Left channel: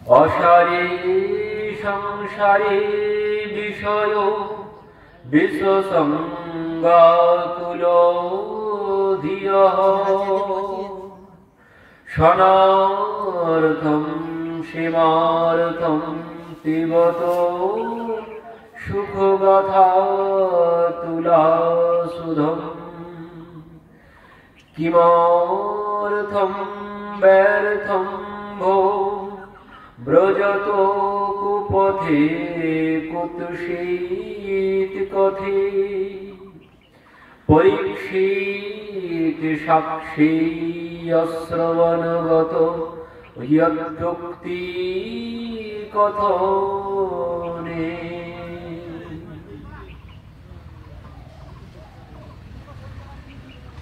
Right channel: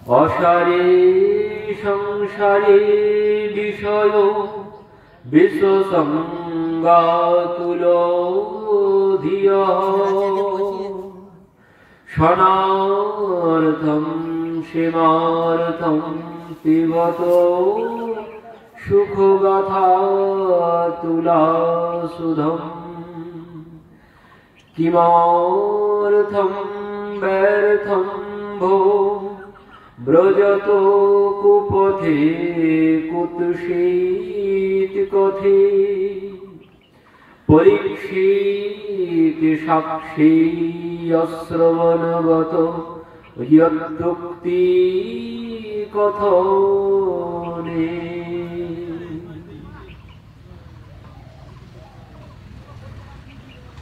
অসারে সংসারে বিষয় বিশ্বসঙ্গাতুল ধিয় সনার্থম সেমার্থম পিবত সুখগাথা তুলাসুধম কিমর্থম ব্যর্থম ভো ব্রজত কুপথে কুতুষিত কথে পরীক্ষিত সাক্ষী অশ্রবণগত যুক্তি কথনে।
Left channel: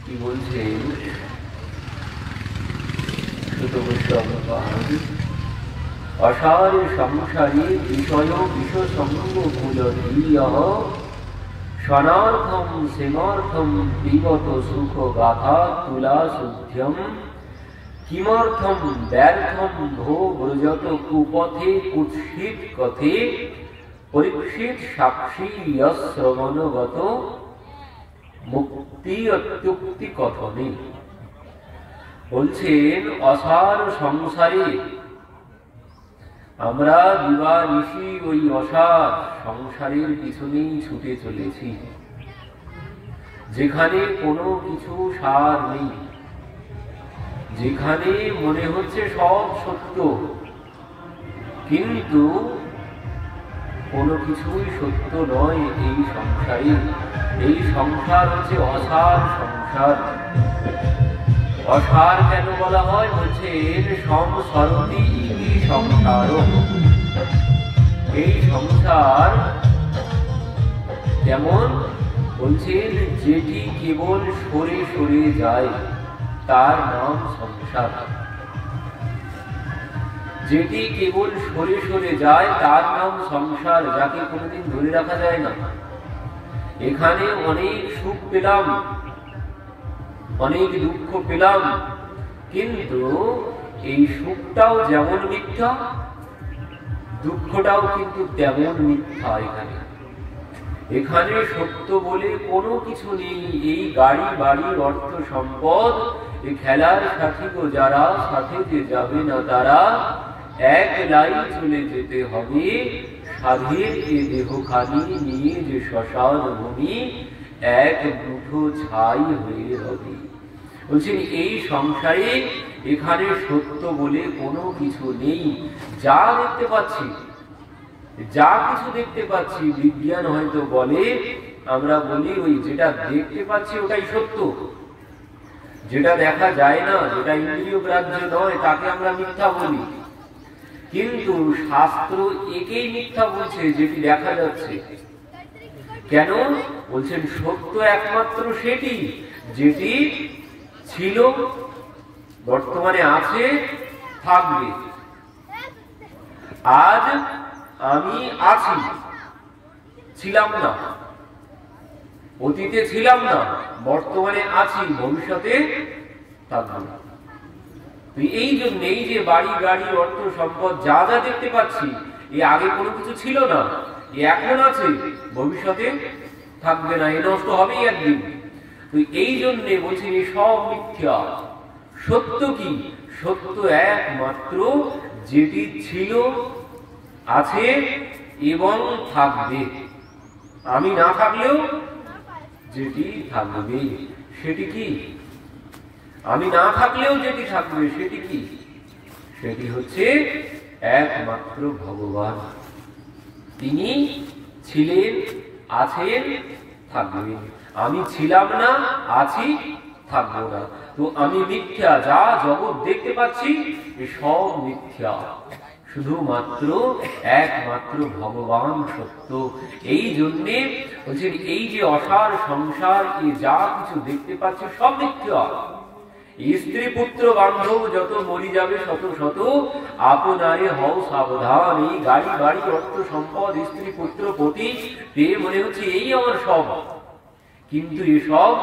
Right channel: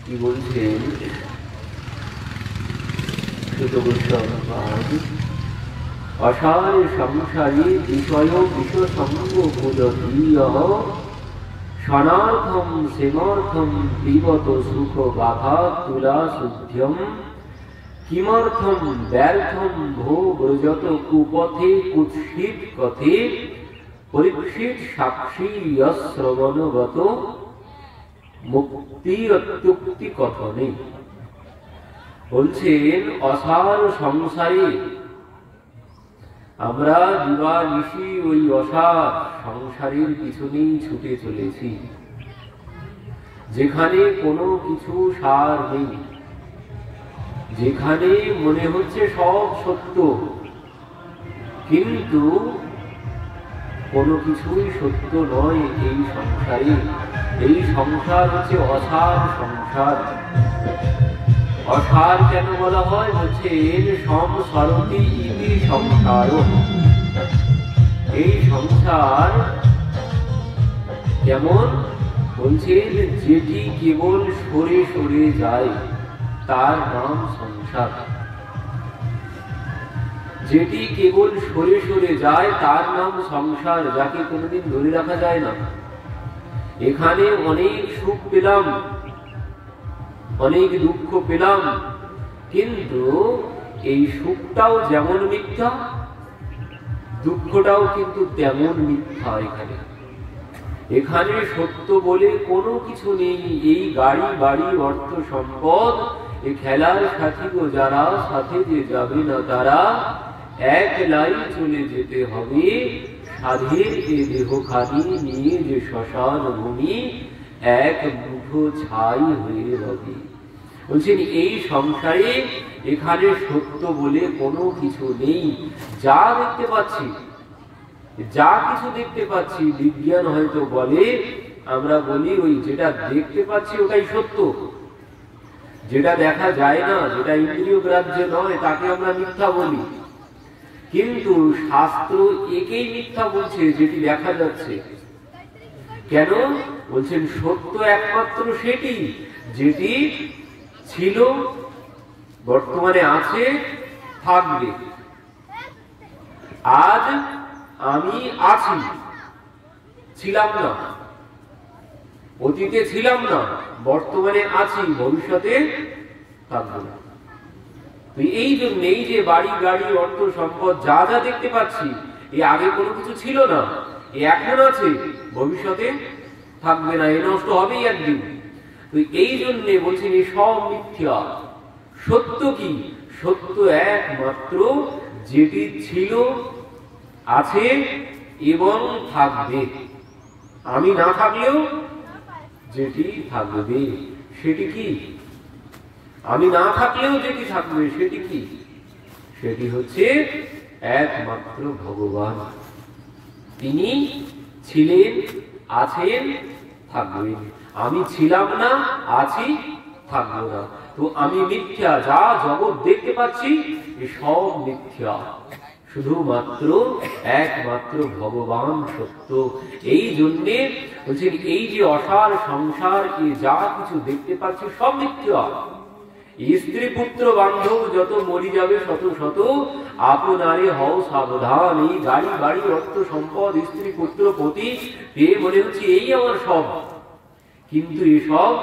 কি বলছে সুত গোস্বামী? অসার সংসারে বিষয় বিষসঙ্গমূলধীয়ঃ সনার্থম সেমর্থম পিবত সুখ গাথা তুলাসুধ্যম কিমর্থম ব্যর্থম ভো ব্রজত কুপথে কুৎসিত কথে পরীক্ষিত সাক্ষী শ্রবণগত মুক্তি অত্যুক্তি কথনে। বলছেন অসার সংসারে আমরা দিবানিশি ওই অসার সংসারের পিছনেই ছুটে চলেছি, যেখানে কোনো কিছু সার নেই, যেখানে মনে হচ্ছে সব সত্য কিন্তু কোনো কিছুই সত্য নয়। এই সংসারে, এই সংসার হচ্ছে অসার সংসার। অসার কেন বলা হয়? হচ্ছে সংসারটি ইতি সংসার। এই সংসার যেমন বলছেন যেটি কেবল সরে সরে যায় তার নাম সংসার। যেটি কেবল সরে সরে যায় তার নাম সংসার, যাকে কোনোদিন ধরে রাখা যায় না। এখানে অনেক সুখ পেলাম, অনেক দুঃখ পেলাম, কিন্তু এই সুখটাও যেমন মিথ্যা, দুঃখটাও কিন্তু তেমন মিথ্যা। এখানে সত্য বলে কোনো কিছু নেই। এই গাড়ি বাড়ি অর্থ সম্পদ, এই খেলার সাথী যারা, সাথে যে যাবে না তারা, এক লাই চলে যেতে হবে। সাধের এ দেহ খানি নিয়ে যে শ্মশান ভূমি, এক মুঠো ছাই হয়ে রবে। বলছেন এই সংসারে এখানে সত্য বলে কোনো কিছু নেই। যা দেখতে পাচ্ছি, যা কিছু দেখতে পাচ্ছি, বিজ্ঞান হয়তো বলে, আমরা বলি ওই যেটা দেখতে পাচ্ছি ওটাই সত্য। যেটা দেখা যায় না, যেটা ইন্দ্রিয় গ্রাহ্য নয়, তাকে আমরা মিথ্যা বলি। কিন্তু শাস্ত্র একেই মিথ্যা বলছে যেটি দেখা যাচ্ছে। কেন? বলছেন সত্য একমাত্র সেটি যেটি ছিল, বর্তমানে আছে, থাকবে। আজ আমি আছি, ছিলাম না, অতীতে ছিলাম না, বর্তমানে আছি, ভবিষ্যতে থাকবো না। এই জন্য এই যে বাড়ি গাড়ি অর্থ সম্পদ যা যা দেখতে পাচ্ছি, এই আগে কোনো কিছু ছিল না, এখন আছে, ভবিষ্যতে থাকবে না, এ নষ্ট হবেই একদিন। তো এই জন্যে বলছেন এই সব মিথ্যা। সত্য কি? সত্য একমাত্র যেটি ছিল, আছে এবং থাকবে। আমি না থাকলেও যেটি থাকবে সেটি কি? আমি না থাকলেও যেটি থাকবে সেটি কি? সেটি হচ্ছে একমাত্র ভগবান। তিনি ছিলেন, আছেন, থাকবেন। আমি ছিলাম না, আছি, থাকবো না। তো আমি মিথ্যা। যা জগৎ দেখতে পাচ্ছি সব মিথ্যা, শুধুমাত্র একমাত্র ভগবান সত্য। এই জন্যে বলছেন এই যে অসার সংসার, যা কিছু দেখতে পাচ্ছি সব মিথ্যা। স্ত্রী পুত্র বান্ধব যত মরি যাবে শত শত, আপনারে হও সাবধান। এই গাড়ি বাড়ি অর্থ সম্পদ স্ত্রী পুত্র পতি পেয়ে মনে হচ্ছে এই আমার সব, কিন্তু এসব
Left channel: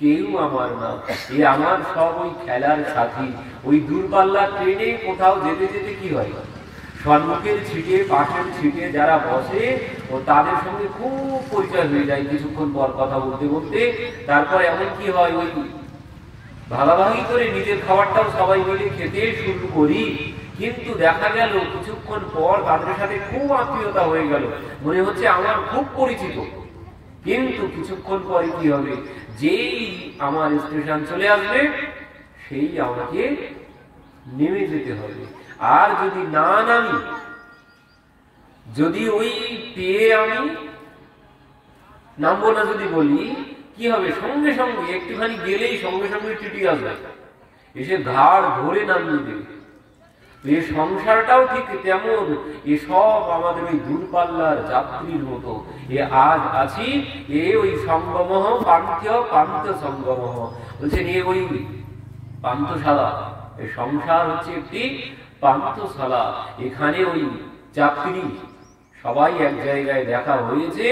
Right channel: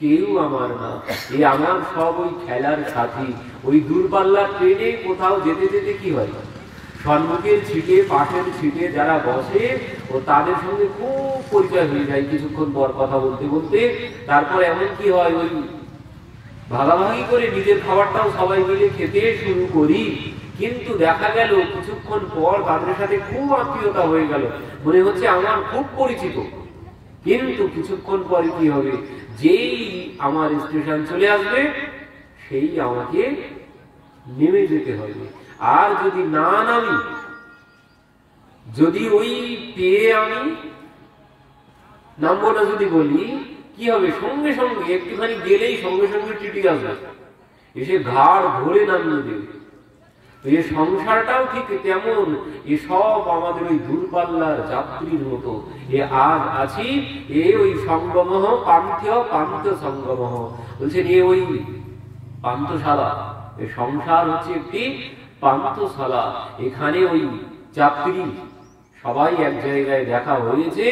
কেউ আমার না, এই আমার সব ওই খেলার সাথী। ওই দূরপাল্লার ট্রেনে কোথাও যেতে যেতে কি হয়, সম্মুখের সিটে পাশের সিটে যারা বসে ও তাদের সঙ্গে খুব পরিচয় হয়ে যায় কিছুক্ষণ পর কথা বলতে বলতে। তারপর এমন কি হয়, ওই ভাগাভাগি করে নিজের খাবারটাও সবাই মিলে খেতে শুরু করি। কিন্তু দেখা গেল কিছুক্ষণ পর তাদের সাথে খুব আত্মীয়তা হয়ে গেল, মনে হচ্ছে আমার খুব পরিচিত। কিন্তু কিছুক্ষণ পরে কি হবে, যেই আমার স্টেশন চলে আসবে সেই আমাকে নেমে যেতে হবে। আর যদি না নামি, যদি ওই পেয়ে আমি নামবো না যদি বলি, কি হবে, সঙ্গে সঙ্গে একটুখানি গেলেই সঙ্গে সঙ্গে টিটি আসবে, এসে ঘাড় ধরে নামিয়ে দেবে। এই সংসারটাও ঠিক তেমন, এ সব আমাদের ওই দূরপাল্লার যাত্রীর মতো। এ আজ আছি, এ ওই সঙ্গম পান্ত সঙ্গম বলছেন, এ ওই পান্তশালা। এই সংসার হচ্ছে একটি পান্তশালা। এখানে ওই যাত্রী সবাই এক জায়গায় দেখা হয়েছে,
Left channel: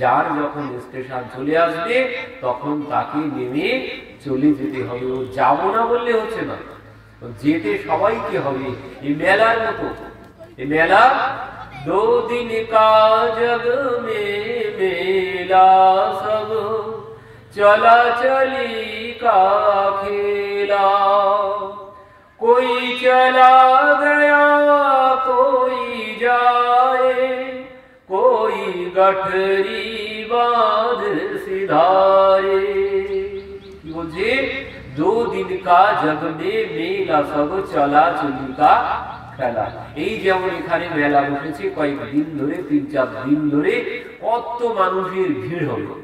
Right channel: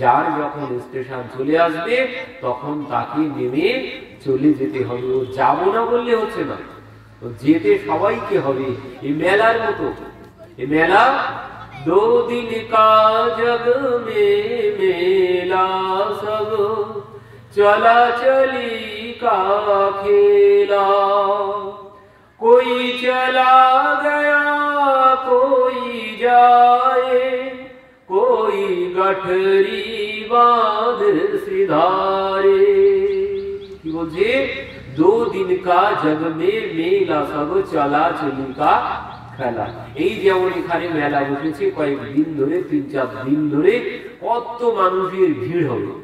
যার যখন স্টেশন চলে আসবে তখন তাকে নেমে চলে যেতে হবে। যাবো না বললে হচ্ছে না, যেতে সবাইকে হবে। এই মেলার মতো, এই মেলা 2 दिन का जग में मेला सब चला चली का खेला, कोई चला गया कोई जाए, कोई गठरी बांध सिधारे। কি বলছে, 2 दिन का जग में मेला सब चला चली का খেলা। এই যেমন এখানে মেলা বসেছে কয়েকদিন ধরে, 3-4 দিন ধরে কত মানুষের ভিড় হলো।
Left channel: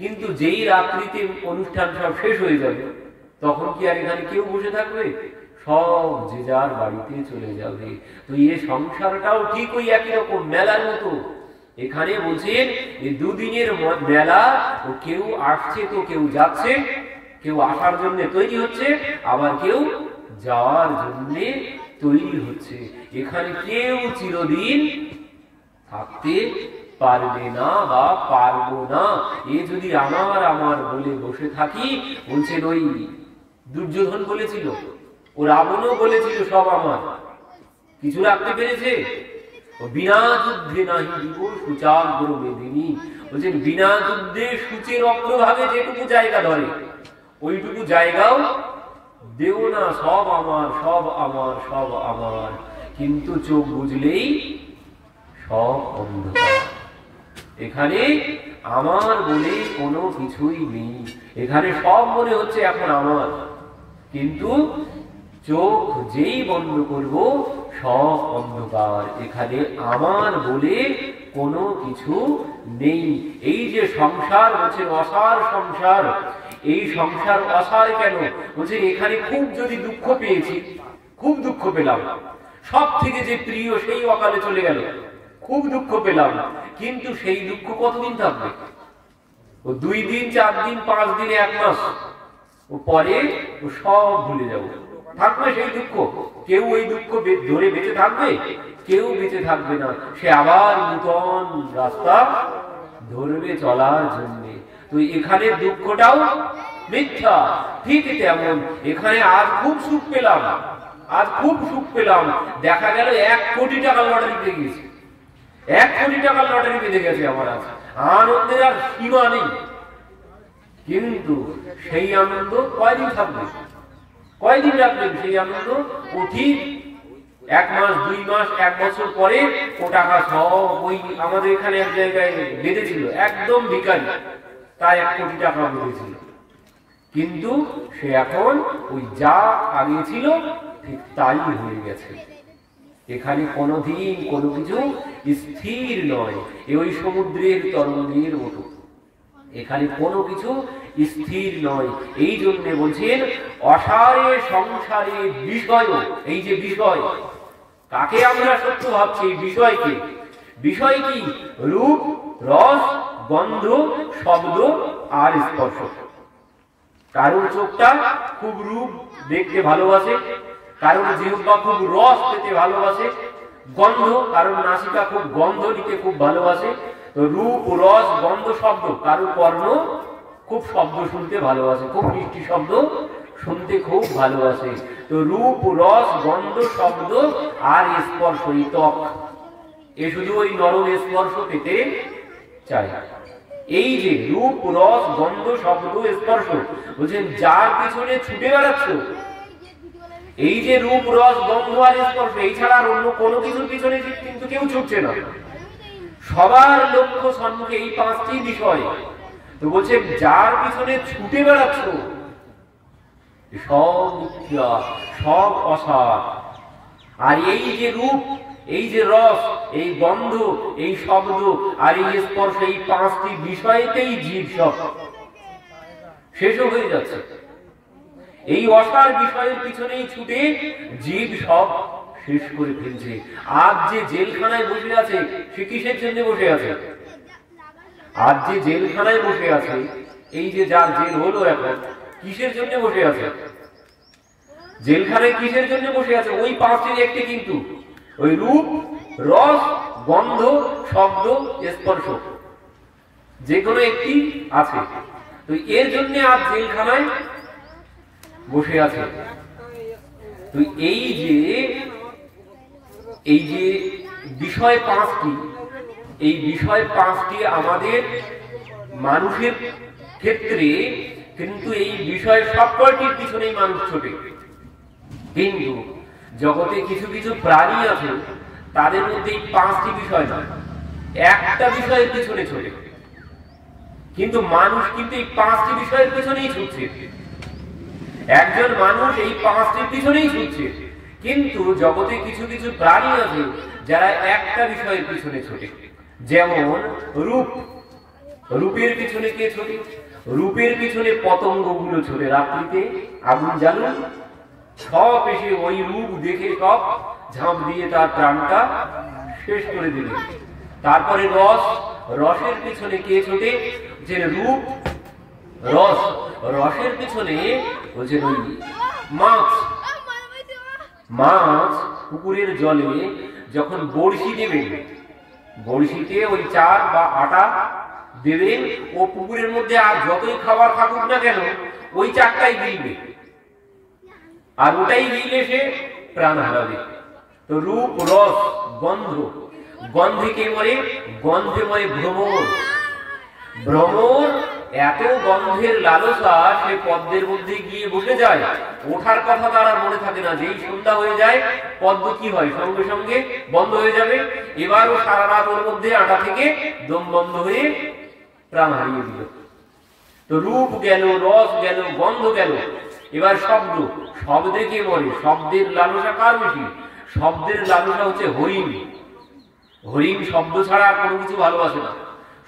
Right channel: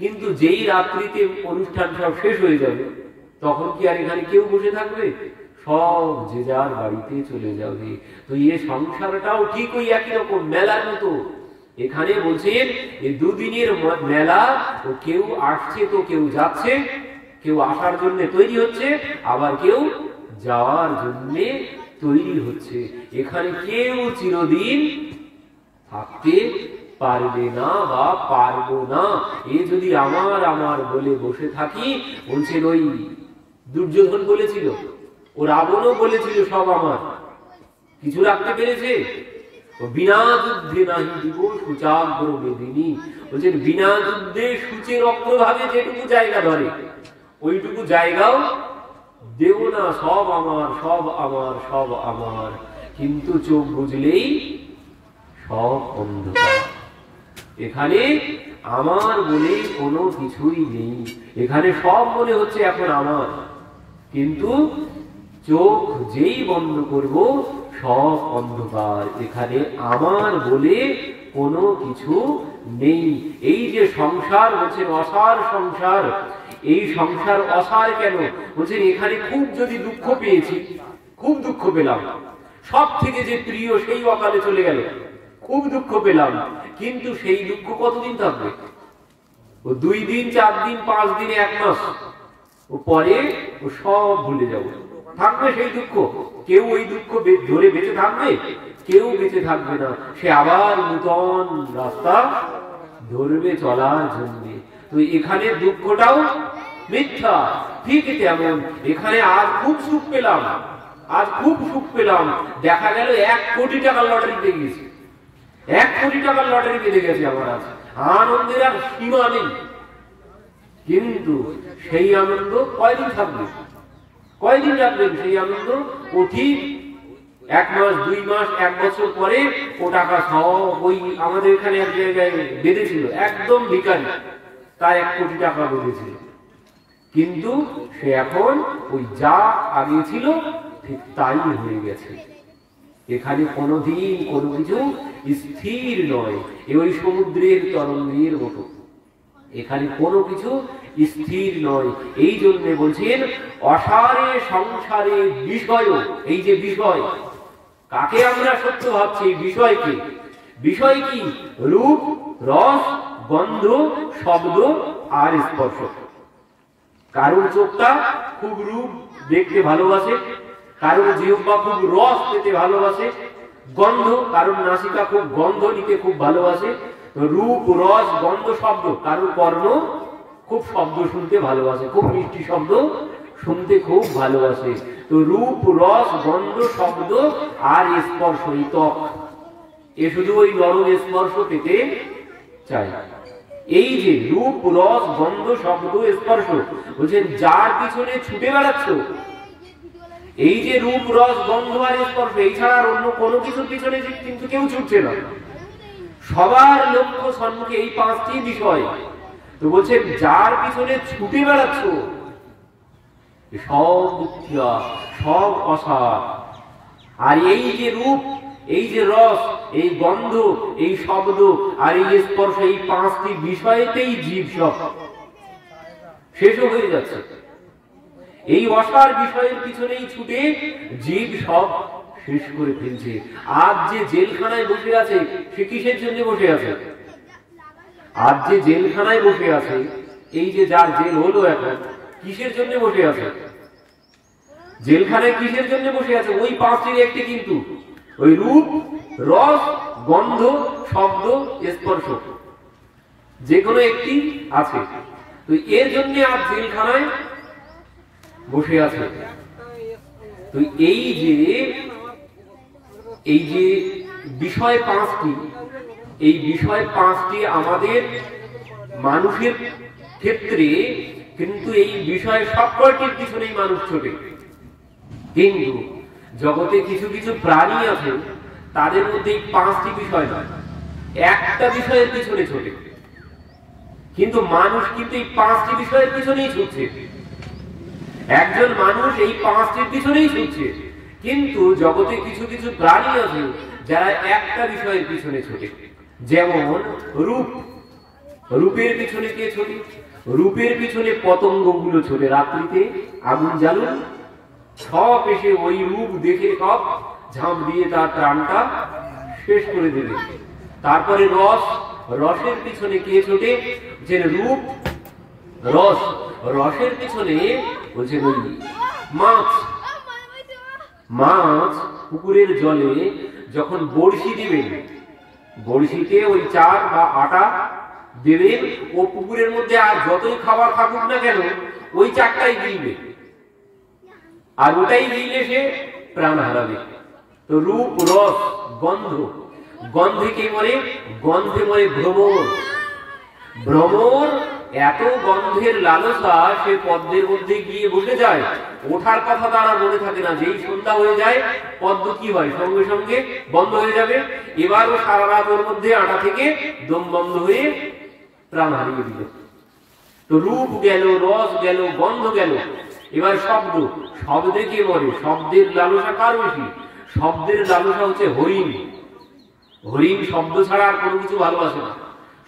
কিন্তু যেই রাত্রিতে অনুষ্ঠান সব শেষ হয়ে যাবে তখন কি আর এখানে কেউ বসে থাকবে? সব যে যার বাড়িতে চলে যাবে। তো এই সংসারটাও ঠিক ওই একই রকম মেলার মতো। এখানে বলছেন এই 2 দিনের মেলা, ও কেউ আসছে তো কেউ যাচ্ছে, কেউ আসার জন্য তৈরি হচ্ছে, আবার কেউ যাওয়ার জন্য তৈরি হচ্ছে। এখানে কেউ চিরদিন থাকতে পারবে না বা পারবো না। এ যদি আমার আমার বলে বসে থাকি, বলছেন ওই দুর্যোধন বলেছিল, ও রাবণও বলেছিল সব আমার, কিছু রাখতে পেরেছে? বিনা যুদ্ধে নাহি দিব সুচাগ্র মেদিনী, বলছেন বিনা যুদ্ধে সূচের অগ্রভাগে যেটুকু জায়গা ধরে ওইটুকু জায়গাও দেব না। সব আমার, সব আমার, সব আমার। কিন্তু চোখ বুঝলেই সব অন্ধকার। এখানে আমার বলে কোনো কিছুই নেই। এখানে সব মনে হচ্ছে এখন আমার, কিন্তু চোখ যেই বন্ধ করব সব অন্ধকার। এখানে আমার বলে কোনো কিছু নেই। এই যে সংসার বলছেন অসার সংসার, এই সংসার অসার কেন বলছেন, এখানে খুব যদি দুঃখ পেয়েছি, খুব দুঃখ পেলাম, সব থেকে যে প্রিয় সেই অকালে চলে গেল, খুব দুঃখ পেলাম, কিন্তু সেই দুঃখ কতদিন থাকবে? ও 2 দিন, 4 দিন, 5 দিন, 1 মাস, ও পরে ও সব ভুলে যাবো। থাকবে সেই দুঃখ? কেউ এই দুঃখ ধরে বেঁচে থাকবে? কেউ বেঁচে থাকবে না। সে আবার নূতন রাস্তা ধরবে চলার জন্য। তো এখানে দুঃখটাও মিথ্যা। ঠিক তেমন এখানে আজ খুব সুখ পেলাম, আজ খুব সুখ পেলাম, দেখা গেল 1 কোটি টাকার লটারি পেয়ে গেছে, 1 কোটি টাকার লটারি পেতে গেছে আমার। আনন্দের আর সীমা নেই। কিন্তু সেই আনন্দ কয়দিন থাকবে? কয়দিন রাখবেন সেই আনন্দ? ও ঠিক 1 মাস, 2 মাস, 1 বছর পরে ও টাকা সব ওই আমাদের এখানে এক জায়গায় বেঁধেছিল, একদম ভিখারি, তাই 1 কোটি টাকা বেঁধেছিল। কিন্তু সে এখন ওই যা আগে ছিল ঠিক তাই হয়ে গেছে। এখানে কোনোদিন কোনো কিছু স্থির নয়। ওই সমুদ্রের তরঙ্গের মতো এখানে কোনো কিছু স্থির নয়। এই জন্য বলছেন অসারে সংসারে বিষয়। এই যে বিষয়, কাকে আমরা সত্য ভাবছি? বিষয়কে। বিষয় কি? রূপ, রস, গন্ধ, শব্দ আর স্পর্শ। কারোর চোখটা খুব রূপ দেখতে ভালোবাসে, কারোর জিহ্বা খুব রস পেতে ভালোবাসে, গন্ধ, কারোর নাসিকা খুব গন্ধ নিতে খুব ভালোবাসে, রূপ, রস, গন্ধ, শব্দ। কারোর কর্ণ খুব শব্দ শুনতে ভালোবাসে, খুব মিষ্টি শব্দ শুনতে খুব ভালোবাসে। তো রূপ, রস, গন্ধ, শব্দ আর স্পর্শ, এই ত্বক, এ শুধু ওই নরম স্পর্শ পেতে চায়। এই যে রূপ, রস, গন্ধ, শব্দ, স্পর্শ, বলছেন যার পিছনে ছুটে বেড়াচ্ছ, এই যে রূপ, রস, গন্ধ আর স্পর্শ, এই ছাড়া আর অন্য কোনো কিছুর পিছনে কিন্তু কেউ ছুটছে না। সবার লক্ষ্য সম্মুখে এই পাঁচটি বিষয়। তো বলছেন যার পিছনে ছুটে বেড়াচ্ছ, সব মিথ্যা, সব অসার। আর এই যে রূপ, এই যে রস, এই গন্ধ, এই শব্দ আর এই স্পর্শ, এই পাঁচটি বিষয়তেই জীব সব শেষ হয়ে যাচ্ছে। এই অসার বিষয়ের পিছনেই ছুটে জীব সব শেষ করে ফেলছে। আজ যে জেলখানায় বসে আছে, সে কিসের জন্য বসে আছে? আজ যে জেলখানায় বসে আছে, এই যে যার জেল হলো এখন, কিসের জন্য বসে আছে? জেলখানায় কিসের জন্য বসে আছে? ওই পাঁচটির একটি, কিন্তু ওই রূপ, রস, গন্ধ, শব্দ, স্পর্শ, যে কোনো একটি আছে। তো এর জন্য আজ জেলখানায় বসে আছে। তো এই যে বিষয় পাঁচটি, এই বিষয় পাঁচটি আমাদের মানুষের ক্ষেত্রে কিন্তু এই বিষয় সবকটির পিছনেই মানুষ ছোটে। কিন্তু জগতে কিছু কিছু প্রাণী আছে, তাদের মধ্যে এই পাঁচটি বিষয় নয়, একটা বিষয়ের পিছনে ছোটে। কিন্তু মানুষ কিন্তু এই পাঁচটি বিষয়ের পিছনেই ছুটছে। একজন মানুষ এই পাঁচটির পিছনেই ছুটছে। কিন্তু জগতে কিছু কিছু প্রাণী আছে যারা একটা বিষয়ের পিছনে ছোটে। যেমন রূপ, রূপের পিছনে কে ছোটে? রূপের পিছনে পতঙ্গগুলো ছোটে। রাত্রিতে আগুন জ্বালুন, সব এসে ওই রূপ দেখে সব ঝাঁপ দিয়ে তার প্রাণটা শেষ করে দেবে। তারপরে রস, রসের পিছনে কে ছোটে? যে রূপ, রস, রসের পিছনে বলছে ওই মাছ। মাছ পুকুরের জলে যখন বড়শি দেবে, বড়শিতে ওই চাল বা আটা দেবে, ও পুকুরের মধ্যে আর যতই খাবার থাকুক না কেন, ওই চারটাই গিলবে, আর ওটাই গিলে সে প্রাণ হারাবে। তো রূপ, রস, গন্ধ, গন্ধে কে মরে? গন্ধে মরে ভ্রমর। ভ্রমর এত গন্ধের লালসা, সে পদ্মের মধ্যে গিয়ে বসে যায়, ওঠার কথা তারা মনে থাকে না। যেই সন্ধ্যা হয়ে যায়, পদ্ম কি হয়? সঙ্গে সঙ্গে বন্ধ হয়ে যাবে। এবারও সারা রাত ওর মধ্যে আটা থেকে দম বন্ধ হয়ে প্রাণ হারিয়ে দিল। তো রূপ গেল, রস গেল, গন্ধ গেল। এবার শব্দ, শব্দে কে মরে? শব্দের লালসা কার বেশি? শব্দের লালসা হচ্ছে হরিণ। হরিণ শব্দ ছাড়া আর কোনো কিছু ভালোবাসে না।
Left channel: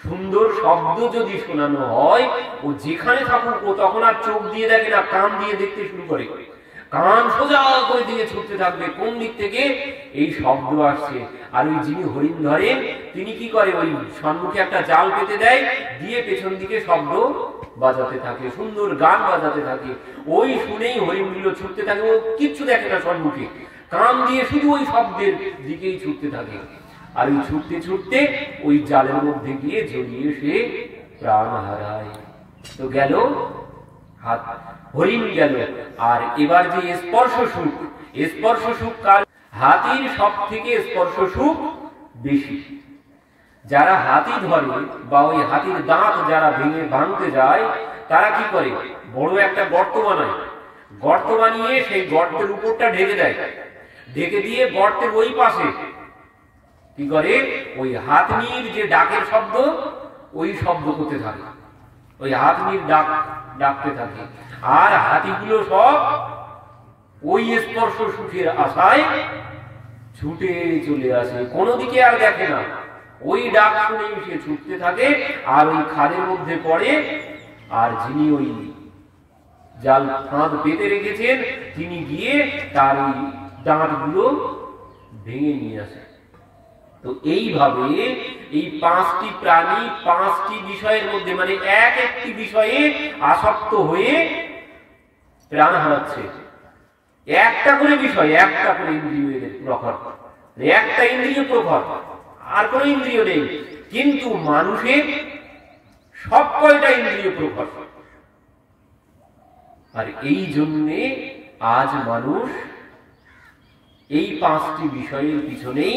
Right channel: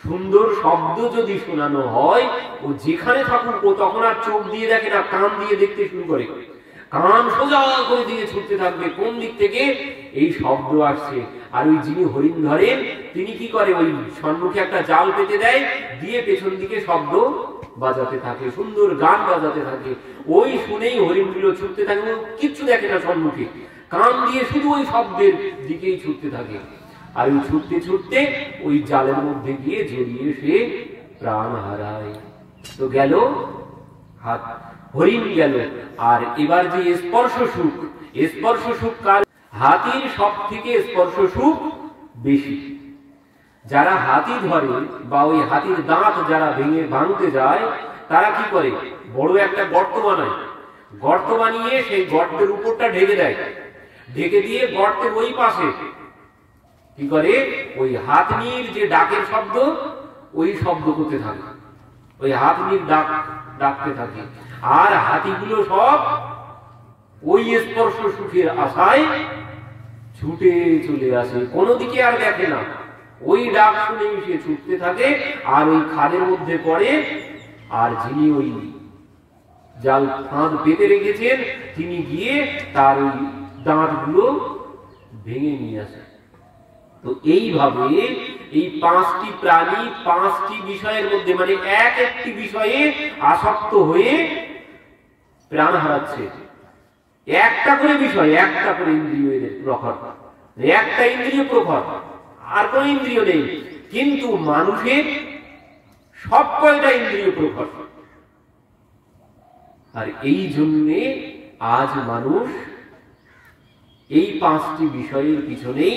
সুন্দর শব্দ যদি শোনানো হয়, ও যেখানে থাকুক, ও তখন আর চোখ দিয়ে দেখে না, কান দিয়ে দেখতে শুরু করে। কান সোজা করে দিয়ে ছুটতে থাকবে কোন দিক থেকে এই শব্দ আসছে। আর ওই যিনি হরিণ ধরেন, তিনি কি করে? ওই সম্মুখে একটা জাল পেতে দেয়, দিয়ে পেছন দিকে শব্দ বাজাতে থাকে, সুন্দর গান বাজাতে থাকে। ওই শুনেই হরিণগুলো ছুটতে থাকে, ও কিচ্ছু দেখে না সম্মুখে, কান দিয়ে শুধু ওই শব্দের দিকেই ছুটতে থাকে। আর ওই ছুটতে ছুটতে ওই জালের মধ্যে গিয়ে জড়িয়ে সে প্রাণ হারায়। তো গেল হাত, হরিণ গেল। আর এবার যে স্পর্শ সুখ, স্পর্শ সুখ কার? হাতির সব থেকে স্পর্শ সুখ বেশি। যারা হাতি ধরে বা ওই হাতির দাঁত যারা ভেঙে ভাঙতে যায়, তারা কি করে? বড় একটা গর্ত বানায়, গর্ত বানিয়ে সেই গর্তের উপরটা ঢেকে দেয়, ঢেকে দিয়ে গর্তের ওই পাশে কি করে? ওই হাতনির যে ডাকের শব্দ, ওই শব্দ করতে থাকে, ওই হাতনির ডাক ডাকতে থাকে। আর হাতিগুলো সব ওই স্পর্শ সুখের আশায় ছুটে চলে আসে, কোনো দিকে আর দেখে না। ওই ডাক শুনেই সে ছুটতে থাকে, আর ওই খাদের মধ্যে পড়ে। আর যিনি ওই জাল ফাঁদ পেতে রেখেছেন, তিনি গিয়ে তার ওই দাঁতগুলো ভেঙে নিয়ে আসে। তো এইভাবে এই পাঁচটি প্রাণী পাঁচটি বিষয়ের মধ্যে, মানে এক একটি বিষয়ে আসক্ত হয়ে প্রাণ হারাচ্ছে। একটা করে বিষয়, একটা করে ইন্দ্রিয়ের প্রখর, একটা ইন্দ্রিয় প্রখর, আর কোন ইন্দ্রিয় নেই। কিন্তু মানুষের সব কয়টা ইন্দ্রিয় প্রখর। আর এই জন্যে আজ মানুষ এই 5টি বিষয়ের পিছনেই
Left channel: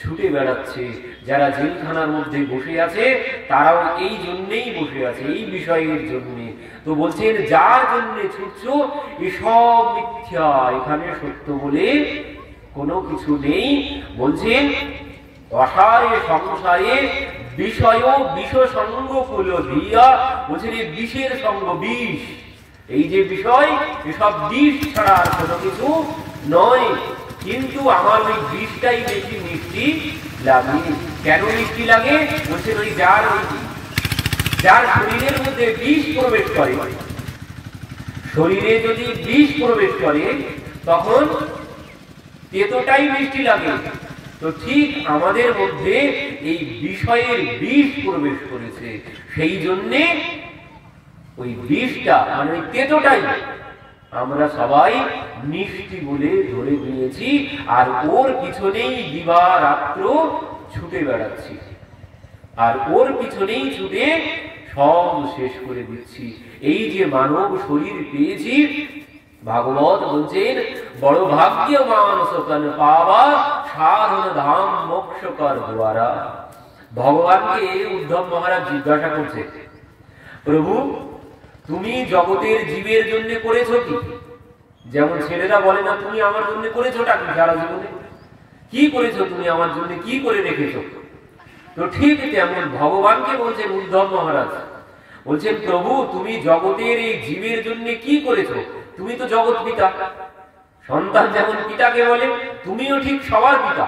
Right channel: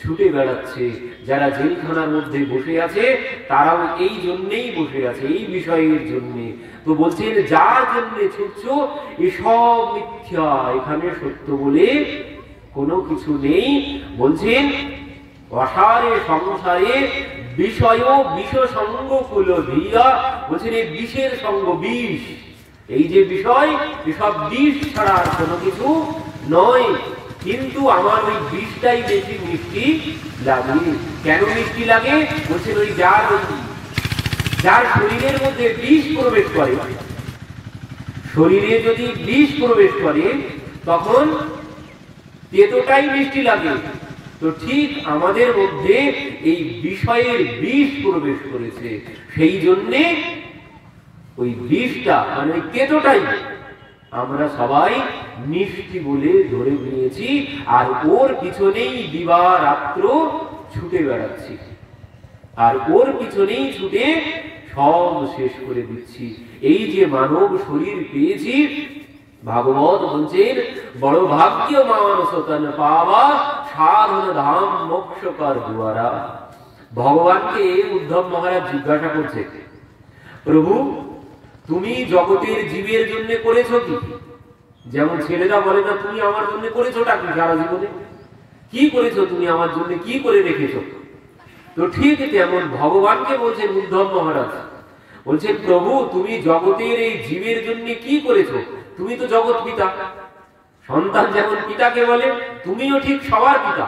ছুটে বেড়াচ্ছে। যারা জেলখানার মধ্যে বসে আছে তারাও এই জন্যেই বসে আছে, এই বিষয়ের জন্যে। তো বলছেন যার জন্যে ছুটছো এসব মিথ্যা, এখানে সত্য বলে কোনো কিছু নেই। বলছেন অসারে সংসারে বিষয় বিষ সঙ্গ কুল ধীরা, বলছেন এই বিষের সঙ্গ, বিষ, এই যে বিষয় এসব বিষ ছাড়া আর কোনো কিছু নয়। কিন্তু আমার ওই বিষটাই বেশি মিষ্টি লাগে। কেন মিষ্টি লাগে? বলছেন ওই যার শরীরের মধ্যে বিষ প্রবেশ করে, শরীরে যদি বিষ প্রবেশ করে তখন তেতোটাই মিষ্টি লাগে। তো ঠিক আমাদের মধ্যে এই বিষয়ের বিষ প্রবেশ করেছে, সেই জন্যে ওই বিষটা মানে ওই তেতোটাই আমরা সবাই মিষ্টি বলে ধরে নিয়েছি, আর ওর পিছনেই দিবারাত্র ছুটে বেড়াচ্ছি, আর ওর পিছনেই ছুটে সব শেষ করে দিচ্ছি। এই যে মানব শরীর পেয়েছি, ভাগবত বলছেন বড় ভাগ্য মানুষ তন পাওয়া সাধন ধাম মোক্ষকর দ্বারা। ভগবানকে উদ্ধব মহারাজ জিজ্ঞাসা করছে, প্রভু তুমি জগতের জীবের জন্য করেছো কি? যেমন ছেলেরা বলে না তুমি আমার জন্য করেছো টাকি, সারা জীবনে কি করেছো তুমি আমার জন্য, কি করে রেখেছো? তো ঠিক তেমন ভগবানকে বলছেন উদ্ধব মহারাজ, বলছেন প্রভু তুমি জগতের এই জীবের জন্য কি করেছো? তুমি তো জগৎ পিতা, সন্তান যেমন পিতাকে বলে তুমিও ঠিক সবার পিতা।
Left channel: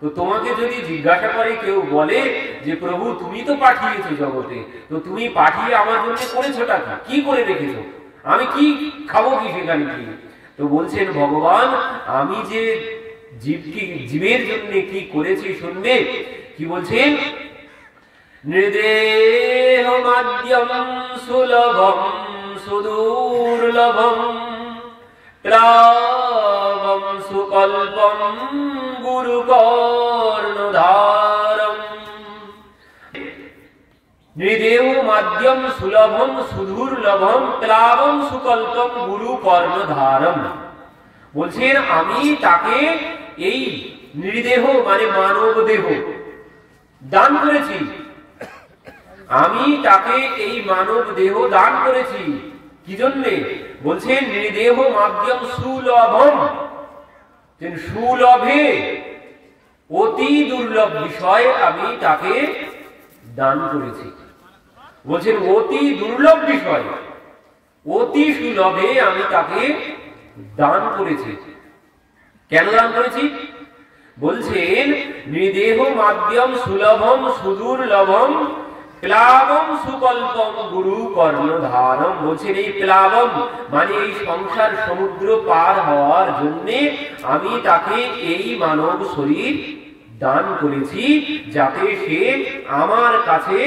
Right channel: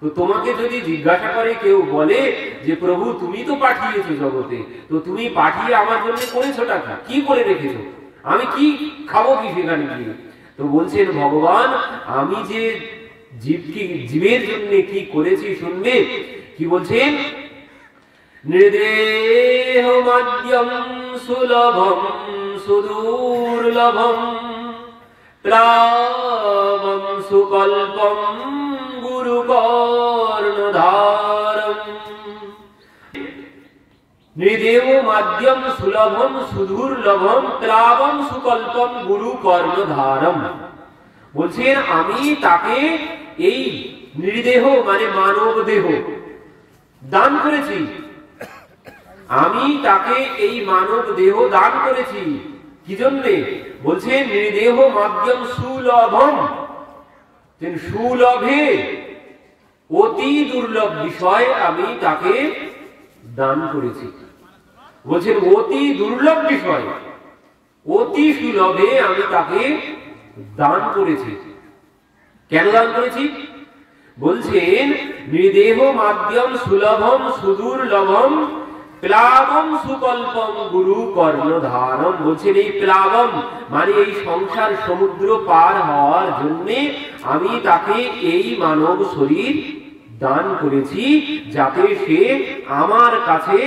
তো তোমাকে যদি জিজ্ঞাসা করে কেউ বলে যে প্রভু তুমি তো পাঠিয়েছো জগতে, তো তুমি পাঠিয়ে আমার জন্য করেছোটা কি করে রেখেছো? আমি কি খাবো কি সেখানে গিয়ে? তো বলছেন ভগবান আমি যে জীবের জন্য কি করেছি শুনবে। কি বলছেন? নৃদেহ মাদ্যম সুলভম সুদূর্লভম প্লাবম সুকল্পম গুরু কর্ণধারম। নৃদেহ মাদ্যম সুলভম সুদূর্লভম প্লাবম সুকল্পম গুরু কর্ণধারম। বলছেন আমি তাকে এই নৃদেহ মানে মানব দেহ দান করেছি, আমি তাকে এই মানব দেহ দান করেছি। কি জন্যে? বলছেন নৃদেহ মাধ্যম সুলভম, সুলভে অতি দুর্লভ বিষয় আমি তাকে দান করেছি। বলছেন অতি দুর্লভ বিষয় অতি সুলভে আমি তাকে দান করেছি। কেন দান করেছি? বলছেন নৃদেহ মাধ্যম সুলভম সুদূর্লভম প্লাবম সুকল্পম গুরু কর্ণধারম। বলছেন এই প্লাবম মানে এই সংসার সমুদ্র পার হওয়ার জন্য আমি তাকে এই মানব শরীর দান করেছি, যাতে সে আমার কাছে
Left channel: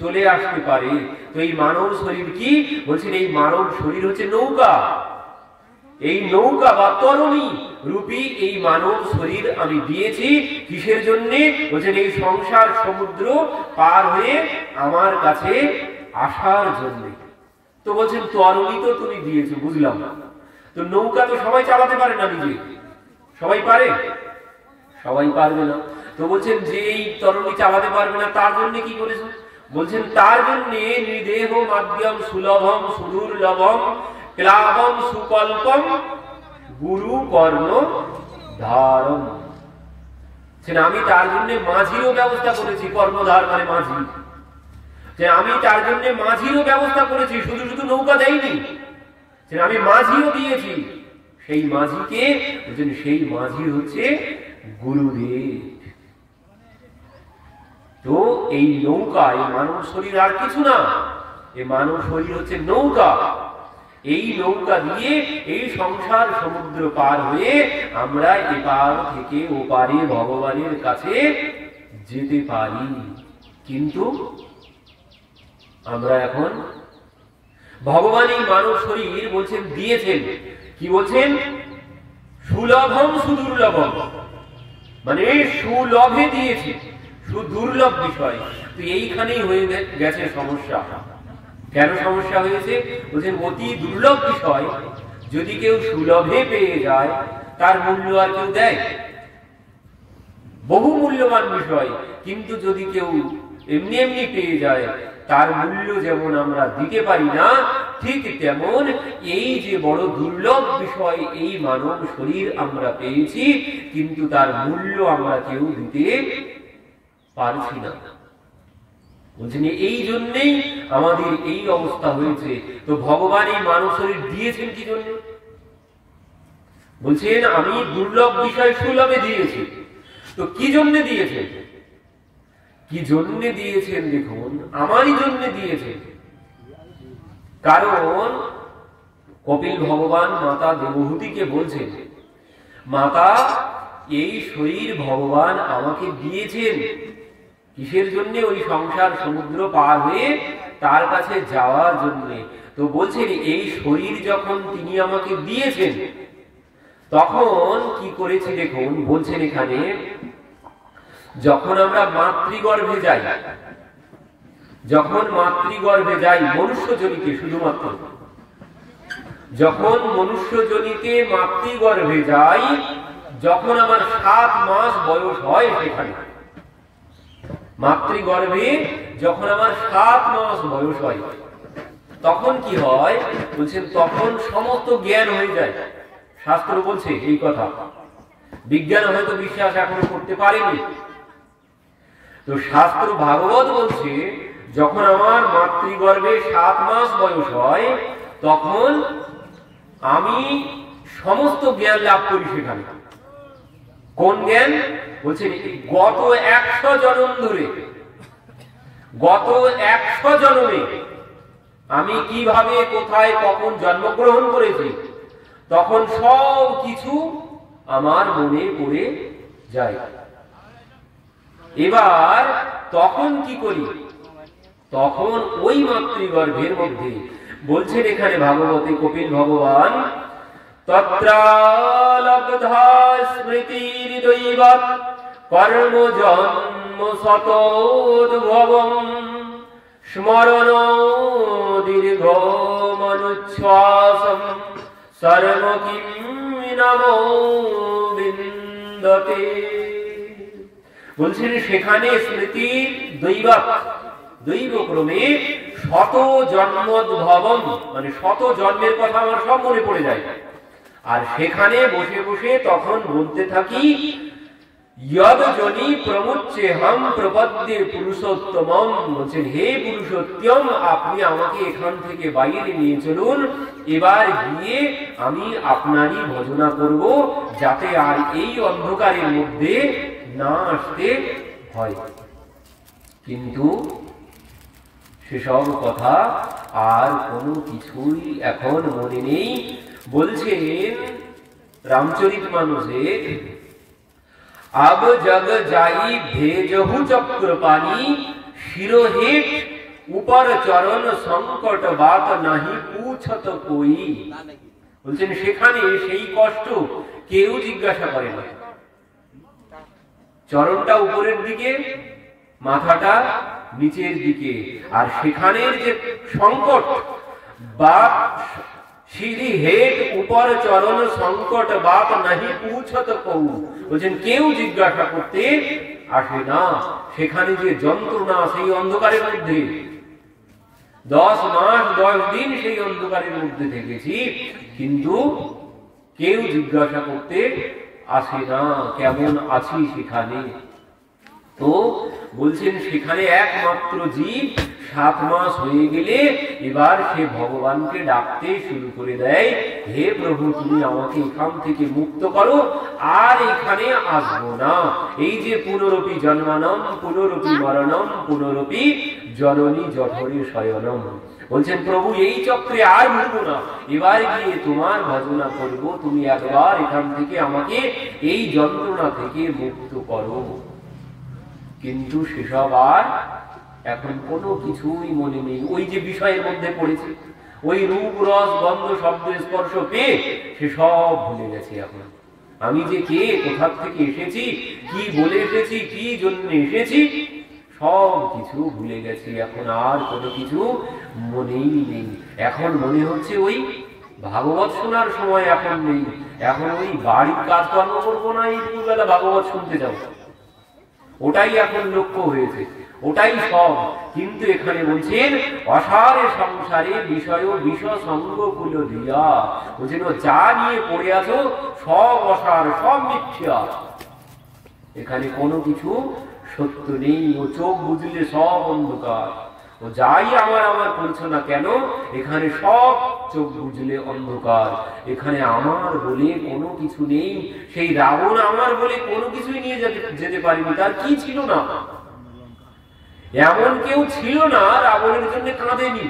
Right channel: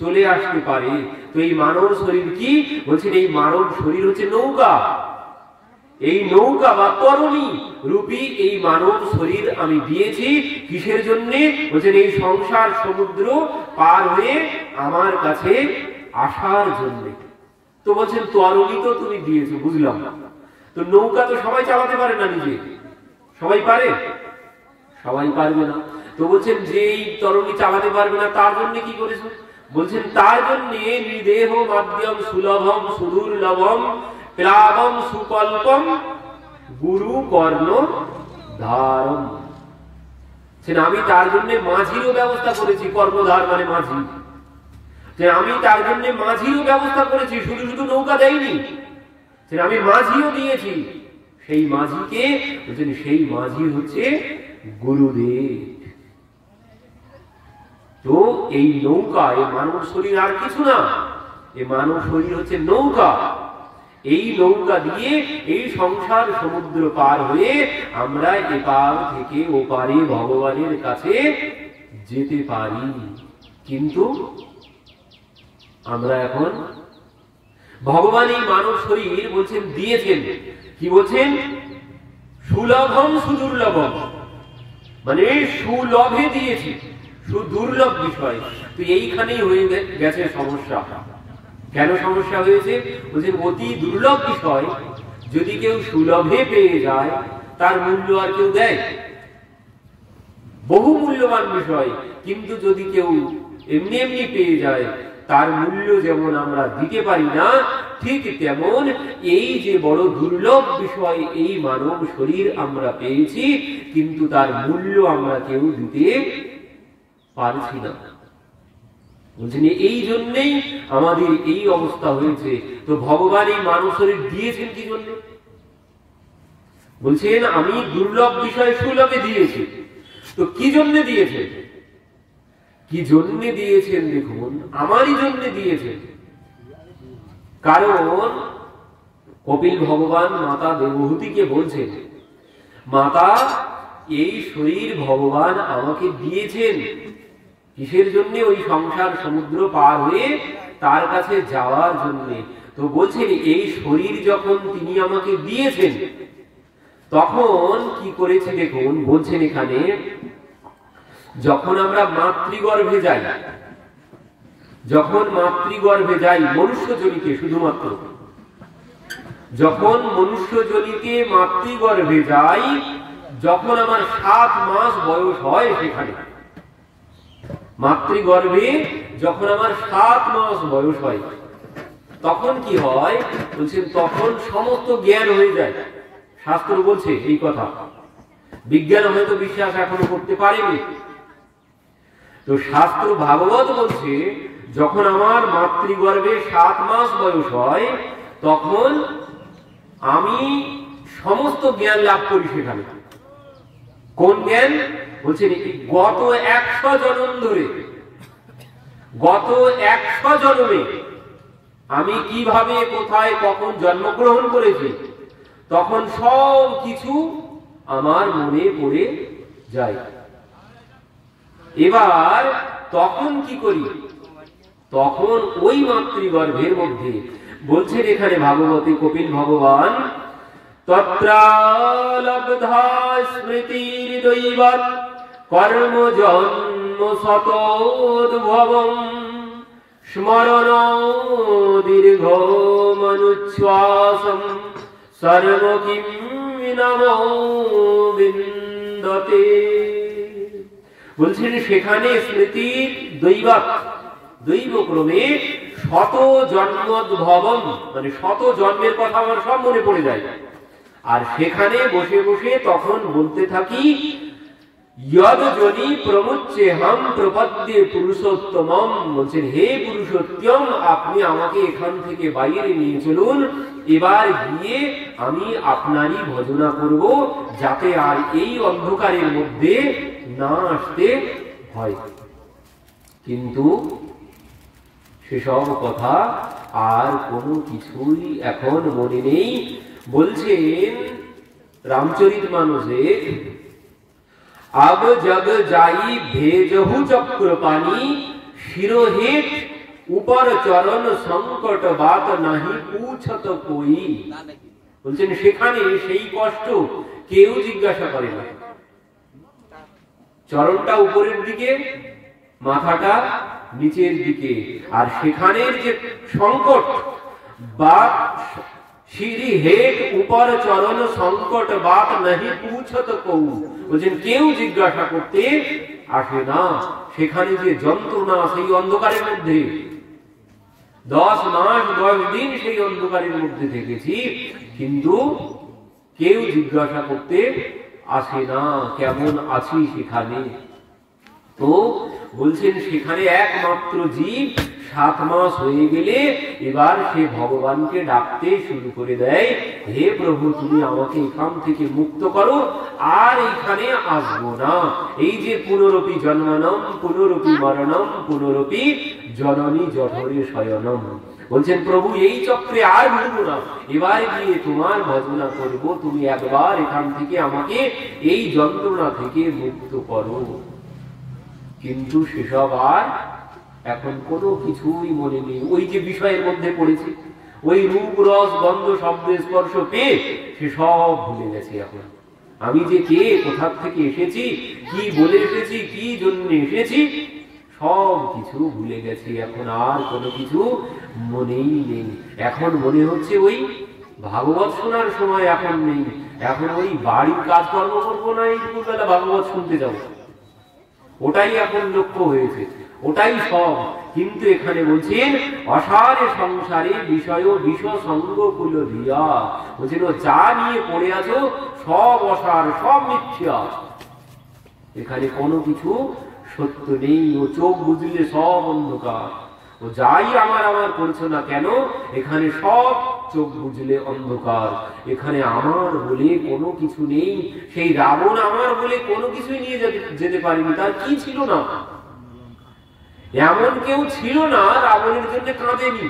চলে আসতে পারে। তো এই মানব শরীর কি? বলছেন এই মানব শরীর হচ্ছে নৌকা, এই নৌকা বা তরণী রূপী এই মানব শরীর আমি দিয়েছি। কিসের জন্য? বলছেন এই সংসার সমুদ্র পার হয়ে আমার কাছে আসার জন্য। তো বলছেন তরণী তো তুমি দিয়েছো, বুঝলাম, তো নৌকা তো সবাই চালাতে পারে না, নিজে সবাই পারে? সবাই পারবে না। তো বলছেন যে এই তরণী চালাতে পারবে না তার জন্য কি করেছো? বলছেন তার জন্য নিদেহ মাধ্যম সুলভম সুদূর্লভম প্লাবম সুকল্পম গুরু কর্ণধারম। আমি তার জন্য মাঝিরও ব্যবস্থা করেছি, কর্ণধার মানে মাঝি, যে আমি তার জন্য মাঝিরও ব্যবস্থা করেছি, শুধু শুধু নৌকা দেয়নি, আমি মাঝিও দিয়েছি। সেই মাঝিকে সেই মাঝি হচ্ছে গুরুদেব। তো এই নৌকা, এই মানব শরীর আর কিছু না, এই মানব শরীর হচ্ছে নৌকা। এই নৌকা দিয়ে এই সংসার সমুদ্র পার হয়ে আমরা এপার থেকে ওপারে ভগবানের কাছে যেতে পারি। কিন্তু আমরা এখন ভগবান এই মানব শরীর বলছেন দিয়েছেন, কি বলছেন? সুলভম সুদুর্লভম, মানে সুলভে দিয়েছি, সুদুর্লভ বিষয়। তো এইখানেই হয়ে গেছে সমস্যা। কেন সমস্যা হয়েছে? বলছেন অতি দুর্লভ বিষয় যদি কেউ সুলভে পেয়ে যায় তার মূল্য আর কেউ দেয়? বহু মূল্যবান বিষয় কিন্তু যদি কেউ এমনি এমনি পেয়ে যায় তার মূল্য যেমন আমরা দিতে পারি না, ঠিক তেমন এই যে বড় দুর্লভ বিষয় এই মানব শরীর আমরা পেয়েছি কিন্তু তার মূল্য আমরা কেউ দিতে পারছি না। বলছেন এই জন্যেই আমাদের এই অবস্থা হয়েছে। তো ভগবান এই মানব শরীর দিয়েছেন কি জন্য? বলছেন আমি দুর্লভ বিষয় সুলভে দিয়েছি। তো কি জন্য দিয়েছেন? কি জন্য দিয়েছেন? দেখুন, আমারই জন্য দিয়েছেন। কারণ কপিল ভগবান মাতা দেবহূতিকে বলছেন, মাতা এই শরীর ভগবান আমাকে দিয়েছেন কিসের জন্য? ওই সংসার সমুদ্র পার হয়ে তার কাছে যাওয়ার জন্য। তো বলছেন এই শরীর যখন তিনি আমাকে দিয়েছেন তখন কি করেছে দেখুন, বলছেন এখানে যখন আমরা মাতৃগর্ভে যাই, যখন মাতৃগর্ভে যাই মনুষ্যজনিতে, শুধুমাত্র যখন মনুষ্যজনিতে মাতৃগর্ভে যাই, যখন আমার 7 মাস বয়স হয়, সেখানে মাতৃগর্ভে যখন আমার 7 মাস বয়স হয় তখন কি হয়? বলছেন তখন সমস্ত জ্ঞান হয়ে যায়। শাস্ত্র বলছে এই কথা, বিজ্ঞান হয়তো বিশ্বাস এখনো করতে পারেনি। তো শাস্ত্র ভাগবত বলছে যখন আমার মাতৃগর্ভে 7 মাস বয়স হয় তখন আমি সমস্ত জ্ঞান লাভ করি সেখানে। কোন জ্ঞান? বলছেন গত 100 জন্ম ধরে, গত 100 জন্মে আমি কিভাবে কোথায় কখন জন্মগ্রহণ করেছি তখন সব কিছু আমার মনে পড়ে যায়। এবার তখন কি করি? তখন ওই মাতৃগর্ভের মধ্যে বলছেন এখানে ভাগবতে কপিল ভগবান, তত্রালব্ধা স্মৃতির দৈবত কর্ম জন্ম শতোদ্ভবম স্মরণ দীর্ঘ মনুচ্ছ্বাসম সর্ব কিম নমো বিন্দতে। বলছেন সেখানে স্মৃতি দৈবত, দৈবক্রমে শত জন্মোদ্ভবম, মানে 100 জন্মের কথা আমার সব মনে পড়ে যায়। আর সেখানে বসে বসে তখন বলতে থাকি যদ জনি প্রমুচ্চে হম প্রপদ্যে পুরুষোত্তমম। বলছেন হে পুরুষোত্তম, আপনি আমাকে এখান থেকে বাইরে নিয়ে চলুন, এবার গিয়ে আমি আপনারই ভজনা করব যাতে আর এই অন্ধকারের মধ্যে না আসতে হয়। কিন্তু সেসব কথা আর কোনো কিছুই এখন মনে নেই। বলছেন রামচরিতমানসে, अब जग जाई भेजहु चक्र पानी शिरोहेट ऊपर चरण संकट बात नहीं पूछत कोई। বলছেন সেখানে সেই কষ্ট কেউ জিজ্ঞাসা করে না। চরণটা উপরের দিকে, মাথাটা নিচের দিকে, আর সেখানের যে সংকট বাত সিঁড়ি হেট উপর চরণ সংকট বাত নাহি পুছত কৌ। বলছেন কেউ জিজ্ঞাসা করতে আসে না। সেখানে যে যন্ত্রণা, সেই অন্ধকারের মধ্যে 10 মাস 10 দিন সেই অন্ধকারের মধ্যে থেকেছি, কিন্তু কেউ জিজ্ঞাসা করতে আসে না কেমন আছি সেখানে। তো বলছেন সেখানে একমাত্র জীব 7 মাস হয়ে গেলে এবার সে ভগবানকে ডাকতে শুরু করে দেয়, হে প্রভু তুমি আমাকে এখান থেকে মুক্ত করো, আর এখানে আসবো না। এই যে পুনরপি জন্মানম পুনরপি মরণম পুনরপি জননী জঠরে শয়নম। বলছেন প্রভু এই চক্রে আর ঘুরবো না, এবার গিয়ে তোমার ভজনা করব, তুমি একবার এখান থেকে আমাকে এই যন্ত্রণা থেকে মুক্ত করো। কিন্তু সেসব আর এখন কোনো কিছুই মনে নেই। ওই যে বিষয়ের মধ্যে পড়েছে, ওই রূপ রস গন্ধ শব্দ স্পর্শ পেয়ে সে সব ভুলে গেছে। এখন আমি যে কে, কোথা থেকে এসেছি, কি বলে এসেছি, কি জন্য এসেছি, সব কিছু ভুলে গেছে, এখন আর কোনো কিছু মনেই নেই। এখন মনে হচ্ছে ওই ভাগবত শোনার সময় এখন নেই, এখন ওই বাড়ির কাজকর্ম করবো না, এই দুবেলা ভাগবত শুনতে যাবো, ওটাই এখন লক্ষ্য হয়েছে, ওটাই সব। কিন্তু এখানে বলছেন অসারে সংসারে বিষয় বিষ সঙ্গ কুল দিয়া, বলছেন যা নিয়ে পড়ে আছো সব অসার, সব মিথ্যা, এখানে কোনো কিছু সত্য নেই। ও চোখ বুঝলে সব অন্ধকার, ও যাই আমার আমার করছো না কেন, এখানে সব চোখ বুঝলে অন্ধকার, এখানে আমার বলে কোনো কিছু নেই। সেই রাবণ আমার বলে কোনো কিছুই নিয়ে যেতে পারিনি, তার কি ছিল না, এমন কেউ ছিল না রাবণের জন্য কাঁদেনি।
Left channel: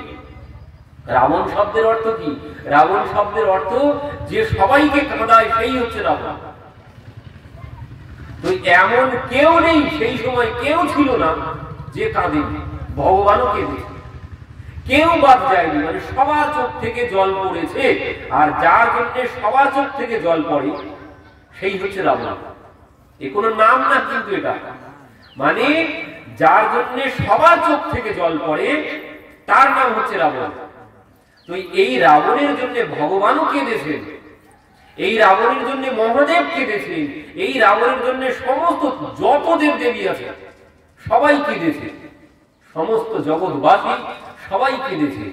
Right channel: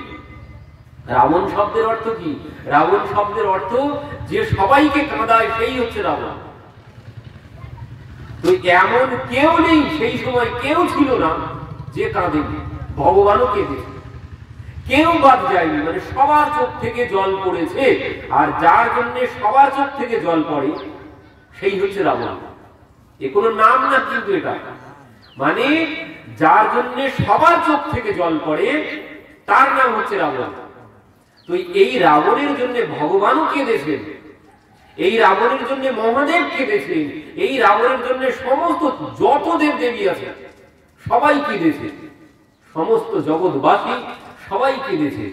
রাবণ শব্দের অর্থ কি? রাবণ শব্দের অর্থ যে সবাইকে কাঁদায়, সেই হচ্ছে রাবণ। তো এমন কেউ নেই, সেই সময় কেউ ছিল না যে কাঁদেনি, ভগবানও কেঁদেছে, কেউ বাদ যায়নি, মানে সবার চোখ থেকে জল পড়েছে। আর যার জন্য সবার চোখ থেকে জল পড়ে সেই হচ্ছে রাবণ। এ কোনো নাম না, কিন্তু এটা মানে যার জন্য সবার চোখ থেকে জল পড়ে তার নাম হচ্ছে রাবণ। তো এই রাবণের জন্য ভগবানও কেঁদেছেন, এই রাবণের জন্য মহাদেব কেঁদেছেন, এই রাবণের জন্য সমস্ত যত দেব দেবী আছে সবাই কেঁদেছে, সমস্ত জগৎবাসী সবাই কেঁদেছে।